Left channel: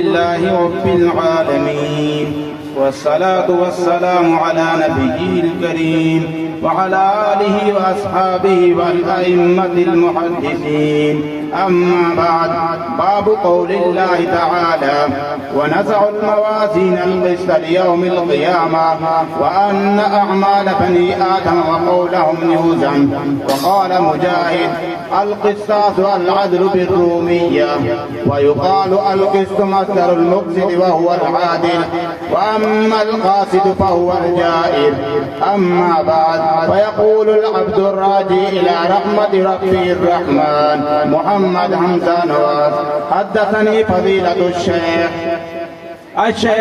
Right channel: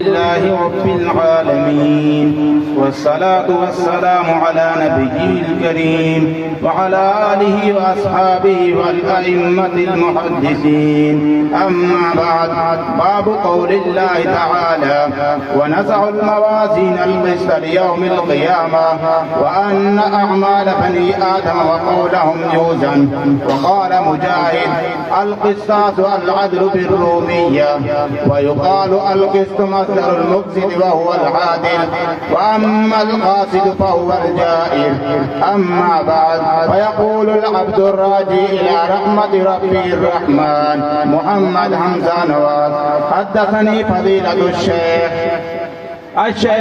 لله رب العالمين، والصلاة والسلام على نبيه الكريم وعلى آله وأصحابه والأئمة المحدثين. أما بعد، باب قول الله تعالى: ونزع الموازين القسط ليوم القيامة وأن أعمال بني آدم وقولهم يوزن. وقال مجاهد: القسطاس العدل بالرومية، ويقال القسط مصدر المقسط وهو العادل، وأما القاسط فهو الجائر. أما بعد، فيقول العبد الراجي إلى رحمة ربه الرحمن محمد حمزة نواس: حدثني فضيلة الشيخ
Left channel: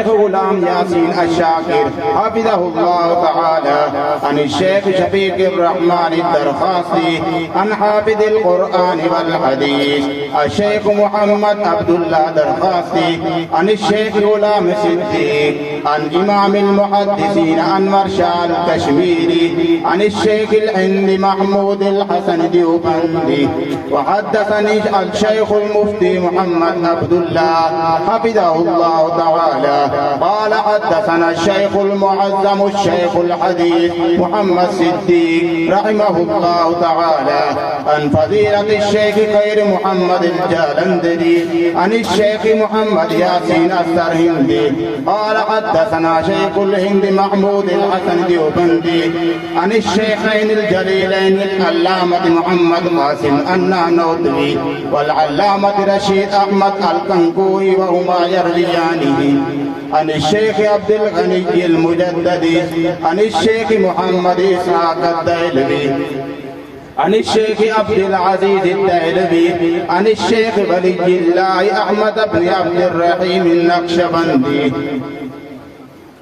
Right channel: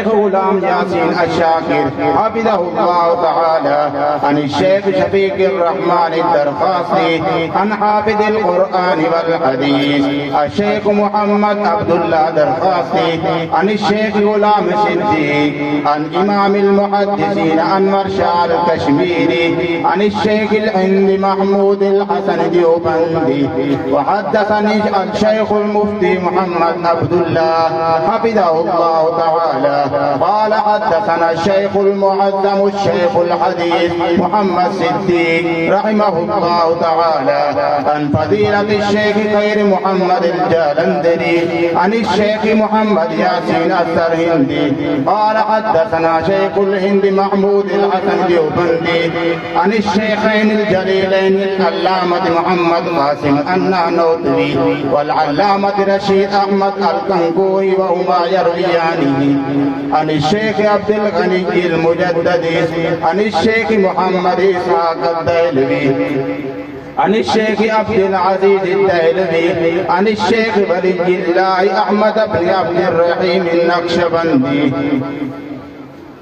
غلام ياسين الشاكر حفظه الله تعالى عن الشيخ شفيق الرحمن الدرخاصي عن حافظ القرآن والحديث الشيخ محمد عبد الله درخاصي عن الشيخ غلام صديق عن إمام المحدثين عن مرشال الكشميري عن الشيخ الهندي محمود الحسن ديوبندي. وحدثني الشيخ المفتي محمد عبد الله حفظه الله تعالى قال: حدثنا الشيخ المعظم الشيخ الحديث محمد صديق رحمه الله تعالى عن فضيلة الشيخ خير محمد الجالندري عن الشيخ محمد ياسين السرهندي قال: حدثنا شيخ الهند محمود الحسن ديوبندي عن الشيخين الجليلين العلامة محمد قاسم النانوتبي والعلامة رشيد أحمد الكنكوي، وهما يرويانه عن الشيخ عبد الغني المجددي عن الشيخ محمد إسحاق الديلبي عن الشيخ عبد العزيز الديلبي عن الشيخ ولي الله أحمد بن عبد الرحيم النقشبندي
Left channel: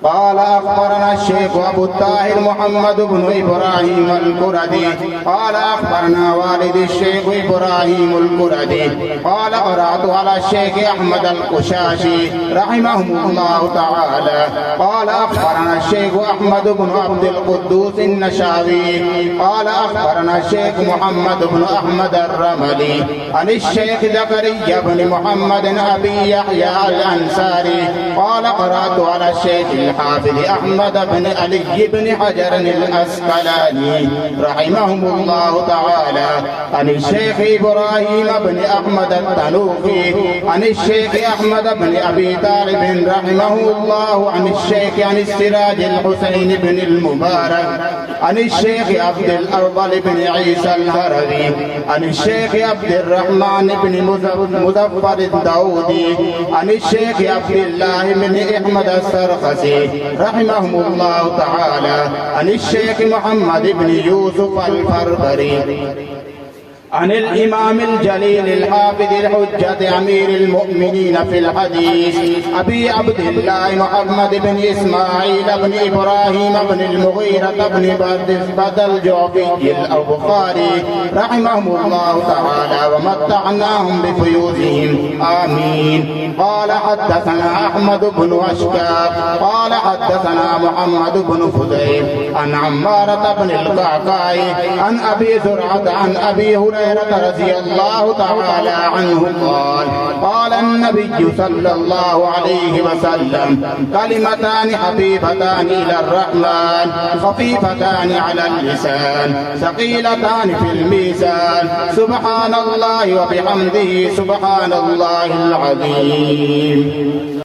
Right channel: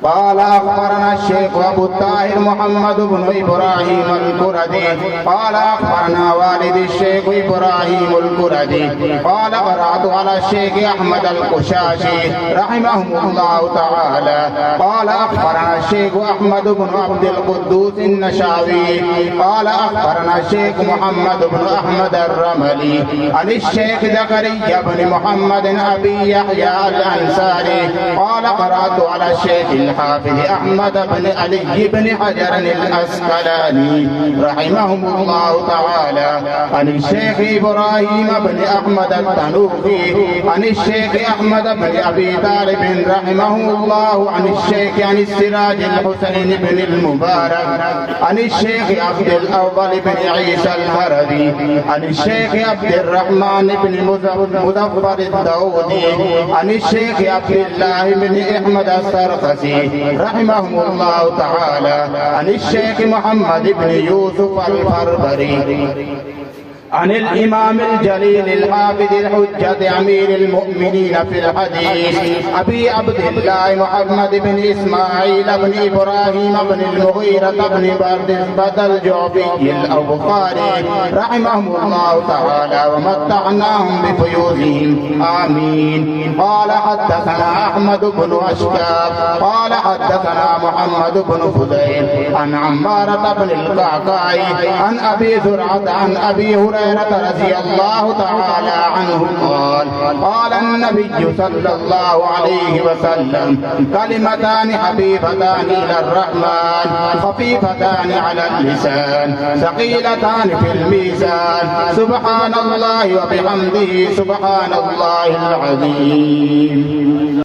قال: أخبرنا الشيخ أبو الطاهر محمد بن إبراهيم الكردي قال: أخبرنا والد الشيخ إبراهيم الكردي قال: قرأت على الشيخ أحمد القشاشي رحمهم الله تعالى قال: أخبرنا الشيخ أحمد بن عبد القدوس النشاوي قال: أخبرنا الشيخ محمد بن أحمد الرملي عن الشيخ زكريا بن محمد أبي يحيى الأنصاري قال: قرأت على الشيخ الحافظ أحمد بن علي بن حجر الأسقلاني رحمهم الله تعالى عن الشيخ إبراهيم بن أحمد التنوخي عن الشيخ أحمد بن أبي طالب رحمه الله عن الشيخ عن السراج الحسين بن المبارك عن الشيخ عبد الأفضل بن عيسى الهروي عن الشيخ عبد الرحمن بن مظفر الداودي عن الشيخ عبد الله بن أحمد السرخسي رحمهم الله تعالى عن الشيخ محمد بن يوسف الفربري عن الإمام الجليل الحافظ الحجة أمير المؤمنين في الحديث أبي عبد الله محمد بن إسماعيل بن إبراهيم بن المغيرة بن بردزبة الجعفي البخاري رحمهم الله تعالى ومتعناهم بفيوزهم آمين. قال: حدثنا أحمد بن أشكاب قال: حدثنا محمد بن فضيل عن عمارة بن القعقاع عن أبي زرعة عن أبي هريرة رضي الله تعالى عنه قال: قال النبي صلى الله عليه وسلم: كلمتان حبيبتان إلى الرحمن خفيفتان على اللسان ثقيلتان في الميزان سبحان الله وبحمده سبحان الله العظيم.